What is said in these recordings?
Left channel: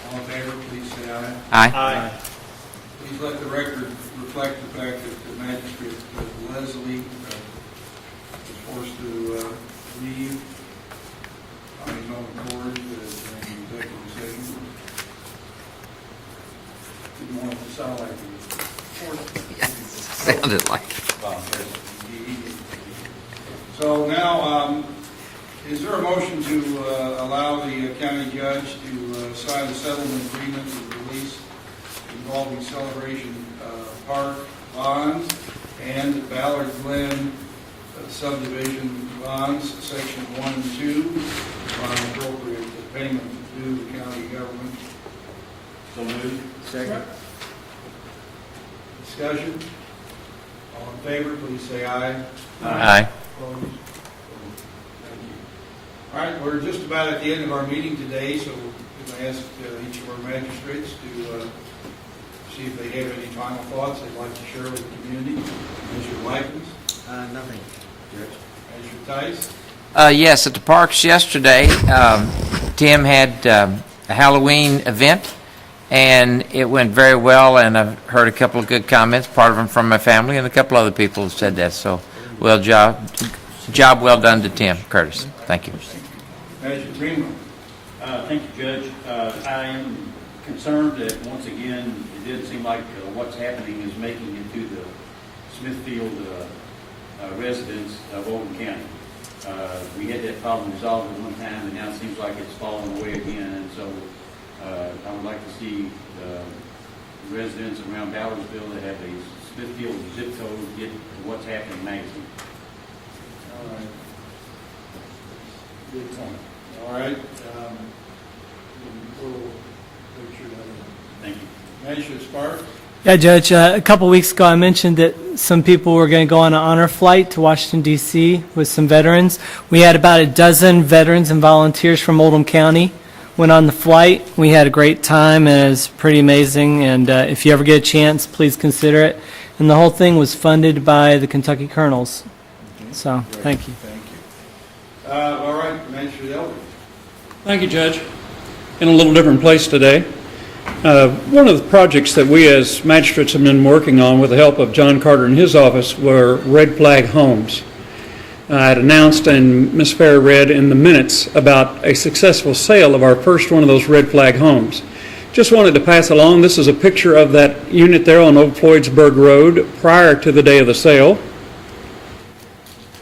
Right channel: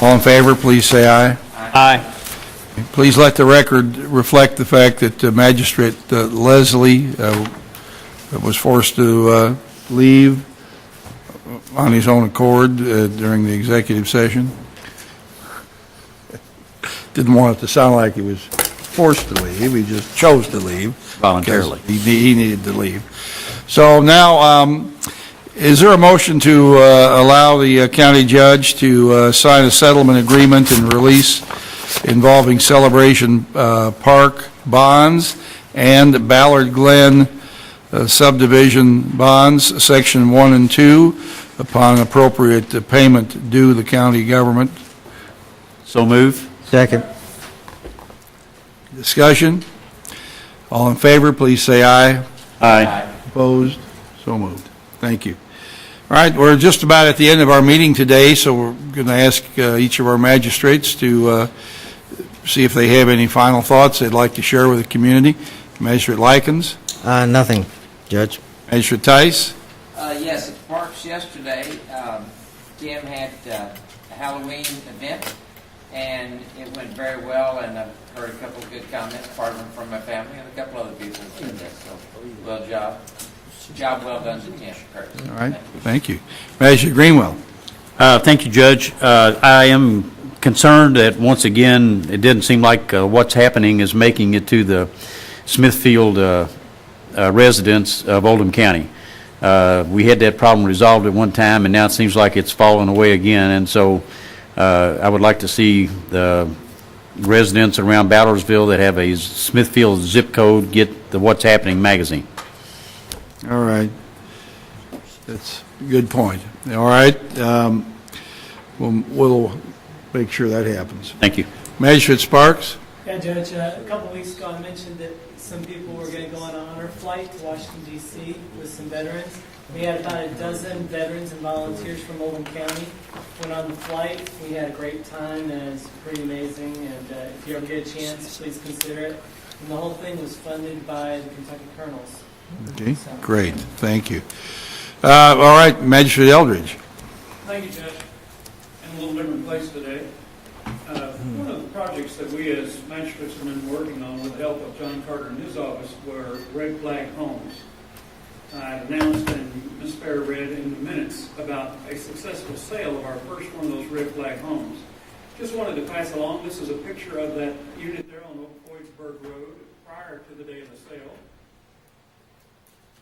All in favor, please say aye. Aye. Please let the record reflect the fact that Magistrate Leslie was forced to leave on his own accord during the executive session. Didn't want it to sound like he was forced to leave. He just chose to leave. Voluntarily. He needed to leave. So now, is there a motion to allow the county judge to sign a settlement agreement and release involving Celebration Park bonds and Ballard Glen subdivision bonds, Section 1 and 2, upon appropriate payment due the county government? So move. Second. Discussion? All in favor, please say aye. Aye. Opposed? So moved. Thank you. All right, we're just about at the end of our meeting today, so we're going to ask each of our magistrates to see if they have any final thoughts they'd like to share with the community. Magistrate Likens? Nothing, Judge. Magistrate Tice? Yes, at the parks yesterday, Tim had a Halloween event, and it went very well, and I've heard a couple of good comments, part of them from my family, and a couple other people have said that, so job well done to Tim Curtis. All right. Thank you. Thank you. Magistrate Greenwell? Thank you, Judge. I am concerned that, once again, it didn't seem like what's happening is making it to the Smithfield residents of Oldham County. We had that problem resolved at one time, and now it seems like it's fallen away again, and so I would like to see the residents around Ballardsville that have a Smithfield zip code get the What's Happening magazine. All right. That's a good point. All right. We'll make sure that happens. Thank you. Magistrate Sparks? Yeah, Judge, a couple weeks ago I mentioned that some people were going to go on an honor flight to Washington, D.C. with some veterans. We had about a dozen veterans and volunteers from Oldham County went on the flight. We had a great time, and it was pretty amazing, and if you ever get a chance, please consider it. And the whole thing was funded by the Kentucky Colonels. Okay. So, Great. thank you. Thank you. All right, Magistrate Eldridge. Thank you, Judge. In a little different place today. One of the projects that we as magistrates have been working on with the help of John Carter and his office were red flag homes. I had announced, and Ms. Fair read in the minutes, about a successful sale of our first one of those red flag homes. Just wanted to pass along, this is a picture of that unit there on Old Floydsburg Road prior to the day of the sale.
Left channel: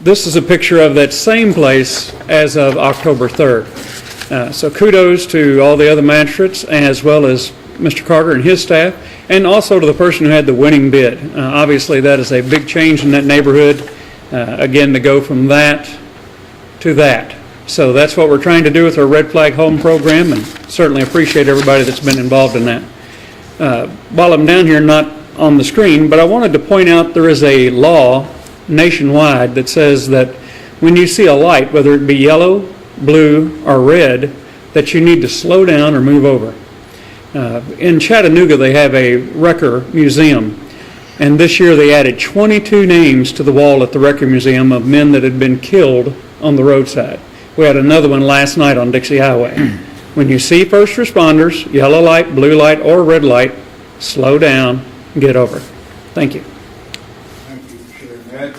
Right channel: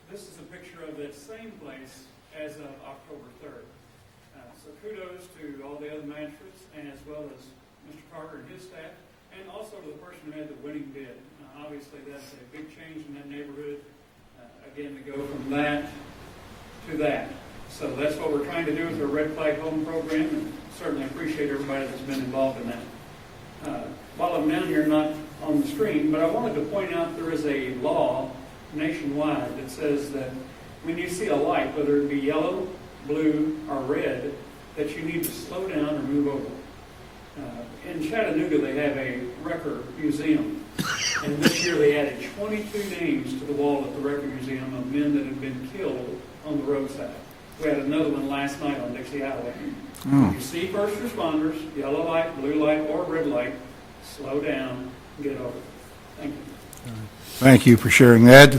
This is a picture of that same place as of October 3rd. So kudos to all the other magistrates, as well as Mr. Carter and his staff, and also to the person who had the winning bid. Obviously, that is a big change in that neighborhood, again, to go from that to that. So that's what we're trying to do with our Red Flag Home program, and certainly appreciate everybody that's been involved in that. While I'm down here, not on the screen, but I wanted to point out there is a law nationwide that says that when you see a light, whether it be yellow, blue, or red, that you need to slow down or move over. In Chattanooga, they have a Wrecker Museum, and this year they added 22 names to the wall at the Wrecker Museum of men that had been killed on the roadside. We had another one last night on Dixie Highway. When you see first responders, yellow light, blue light, or red light, slow down and get over. Thank you. Thank you for sharing that.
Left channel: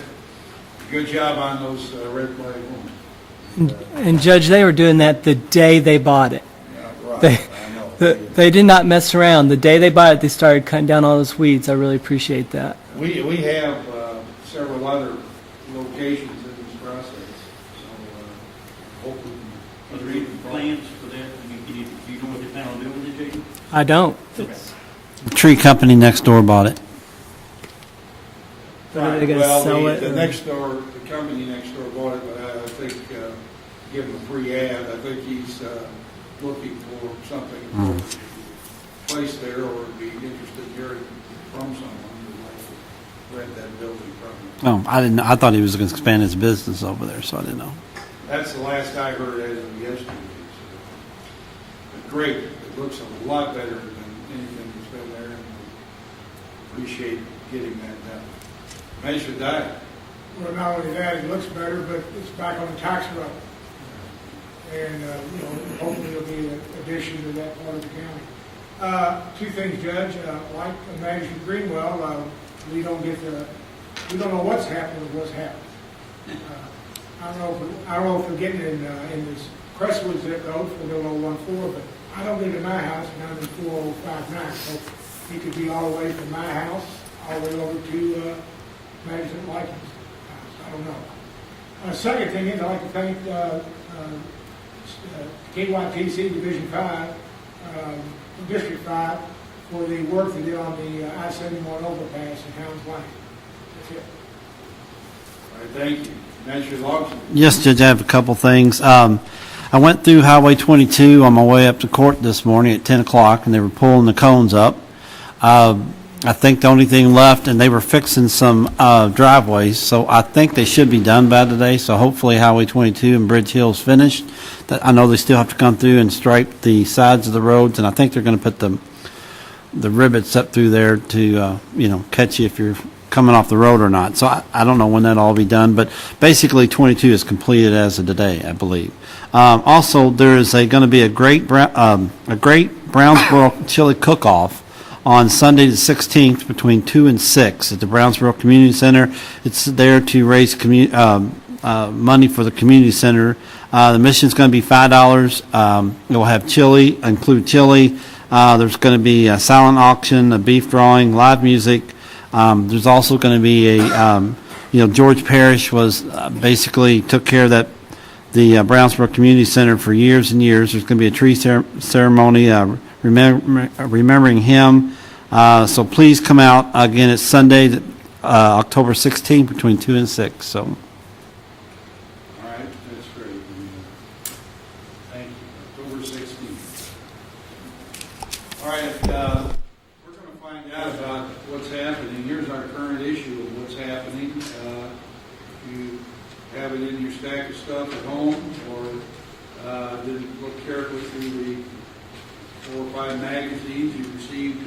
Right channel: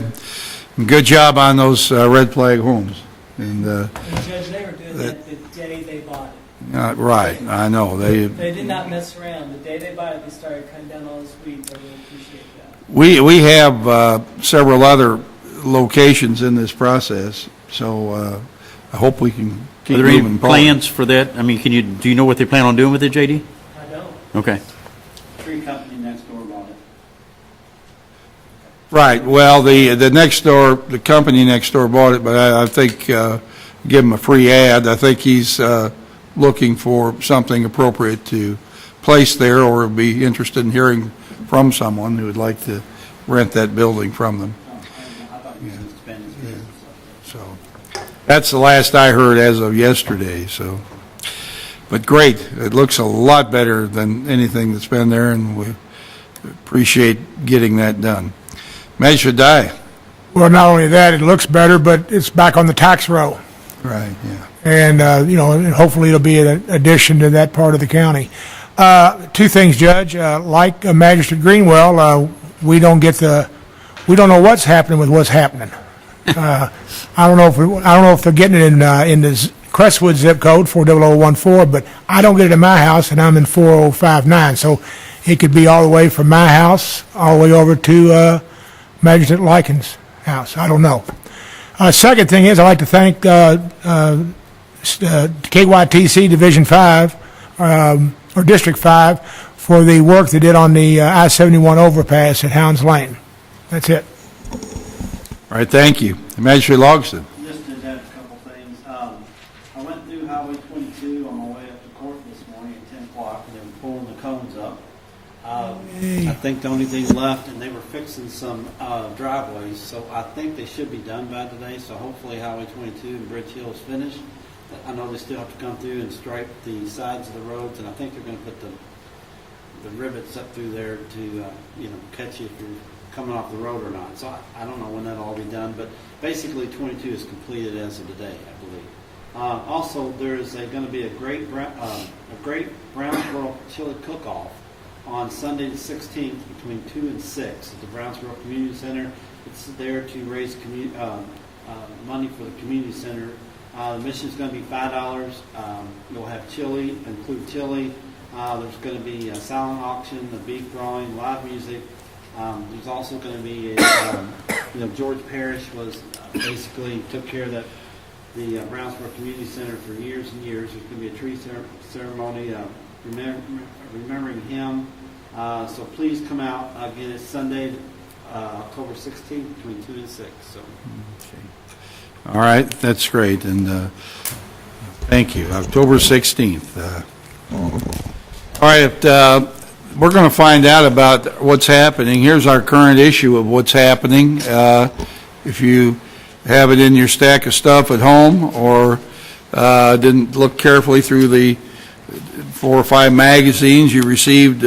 Good job on those red flag homes. And Judge, they were doing that the day they bought it. Right, I know. They did not mess around. The day they bought it, they started cutting down all those weeds. I really appreciate that. We have several other locations in this process, so I hope we can keep Are there any moving forward. plans for that? I mean, do you know what they plan on doing with it, JD? I don't. Okay. The tree company next door bought it. Right, well, the next door, the company next door bought it, but I think, give him a free ad. I think he's looking for something appropriate to place there, or be interested in hearing from someone who would like to rent that building from them. Oh, I didn't know. I thought he was going to expand his business over there, so I didn't know. That's the last I heard as of yesterday, so. But great, it looks a lot better than anything that's been there, and we appreciate getting that done. Magistrate Dye. Well, not only that, it looks better, but it's back on the tax roll. Right, yeah. And, and hopefully it'll be an addition to that part of the county. Two things, Judge. Like Magistrate Greenwell, we don't know what's happening with what's happening. I don't know if they're getting it in the Crestwood zip code 40014, but I don't get it in my house, and I'm in 4059. So it could be all the way from my house all the way over to Magistrate Likens' house. I don't know. Second thing is, I'd like to thank KYTC Division 5 or District 5 for the work they did on the I-71 overpass at Hounds Lane. That's it. All right, thank you. Magistrate Logston. Yes, Judge, I have a couple things. I went through Highway 22 on my way up to court this morning at 10 o'clock, and they were pulling the cones up. I think the only thing left, and they were fixing some driveways, so I think they should be done by today, so hopefully Highway 22 and Bridge Hill's finished. I know they still have to come through and stripe the sides of the roads, and I think they're going to put the rivets up through there to, catch you if you're coming off the road or not. So I don't know when that'll all be done, but basically 22 is completed as of today, I believe. Also, there is going to be a great Brownsboro chili cook-off on Sunday the 16th between 2 and 6 at the Brownsboro Community Center. It's there to raise money for the community center. The mission's going to be $5. You'll have chili, include chili. There's going to be a silent auction, a beef drawing, live music. There's also going to be George Parrish was basically took care of that, the Brownsboro Community Center for years and years. There's going to be a tree ceremony remembering him. So please come out. Again, it's Sunday, October 16th between 2 and 6. So. All right, that's great, and thank you. October 16th. All right, we're going to find out about what's happening. Here's our current issue of what's happening. If you have it in your stack of stuff at home or didn't look carefully through the 4 or 5 magazines you received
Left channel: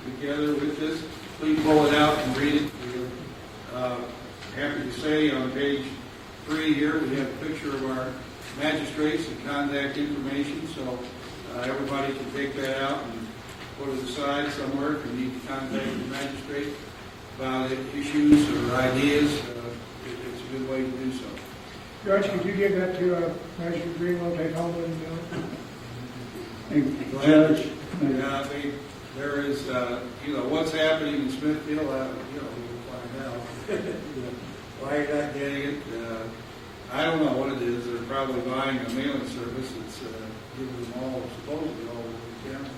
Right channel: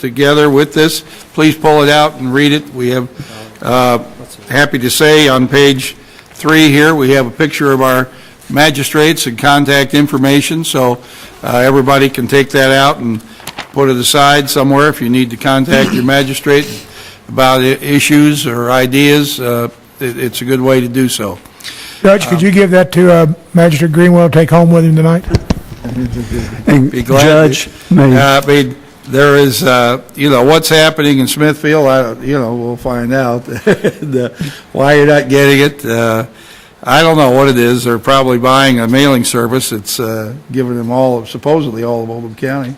together with this, please pull it out and read it. We have, happy to say, on page 3 here, we have a picture of our magistrates and contact information, so everybody can take that out and put it aside somewhere if you need to contact your magistrate about issues or ideas. It's a good way to do so. Judge, could you give that to Magistrate Greenwell to take home with him tonight? Be glad. Judge, there is, what's happening in Smithfield, we'll find out. Why you're not getting it, I don't know what it is. They're probably buying a mailing service. It's giving them supposedly all of Oldham County.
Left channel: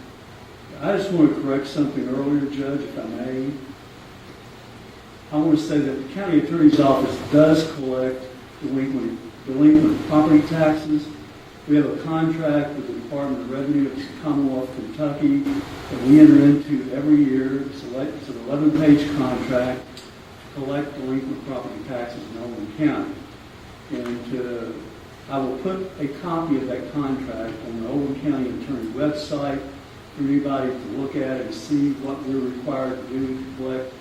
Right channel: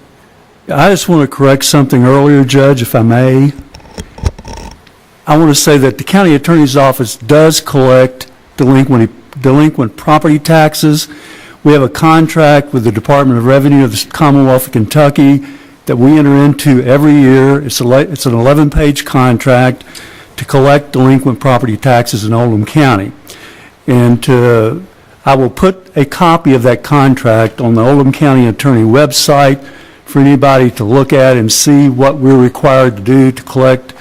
I just want to correct something earlier, Judge, if I may. I want to say that the county attorney's office does collect delinquent property taxes. We have a contract with the Department of Revenue of the Commonwealth of Kentucky that we enter into every year. It's an 11-page contract to collect delinquent property taxes in Oldham County. And I will put a copy of that contract on the Oldham County Attorney website for anybody to look at and see what we're required to do to collect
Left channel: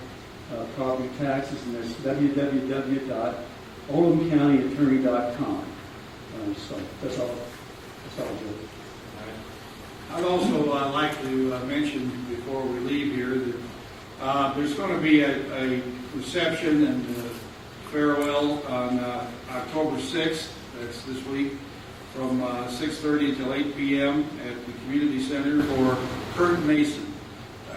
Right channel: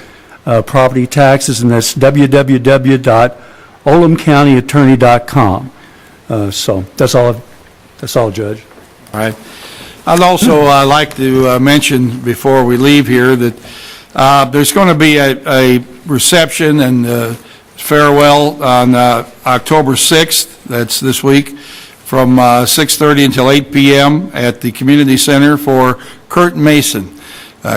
property taxes, and that's www.oldhamcountyattorney.com. So that's all, Judge. All right. I'd also like to mention before we leave here that there's going to be a reception and farewell on October 6th, that's this week, from 6:30 until 8 p.m. at the Community Center for Kurt Mason.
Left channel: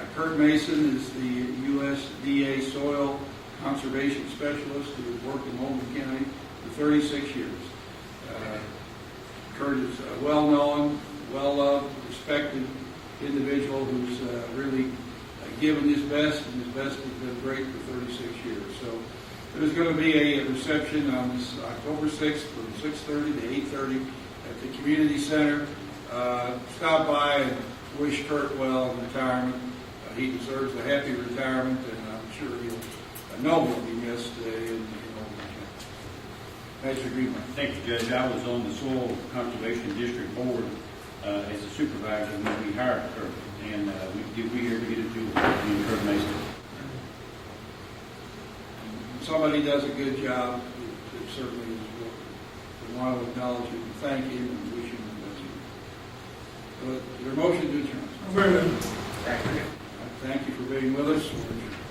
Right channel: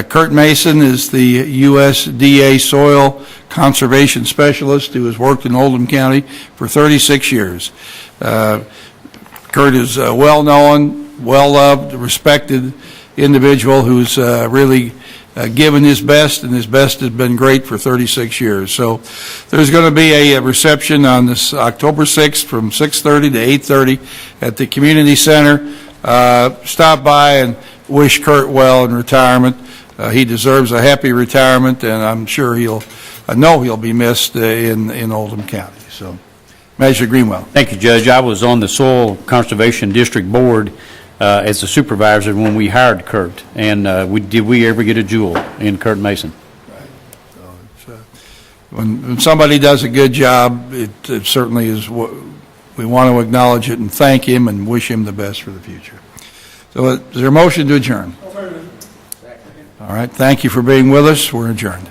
Kurt Mason is the USDA Soil Conservation Specialist who has worked in Oldham County for 36 years. Kurt is a well-known, well-loved, respected individual who's really given his best, and his best has been great for 36 years. So there's going to be a reception on this October 6th from 6:30 to 8:30 at the Community Center. Stop by and wish Kurt well in retirement. He deserves a happy retirement, and I'm sure I know he'll be missed in Oldham County. So, Magistrate Greenwell. Thank you, Judge. I was on the Soil Conservation District Board as a supervisor when we hired Kurt, and did we ever get a jewel in Kurt Mason? When somebody does a good job, it certainly is we want to acknowledge it and thank him and wish him the best for the future. So is there a motion to adjourn? All right, thank you for being with us. We're adjourned.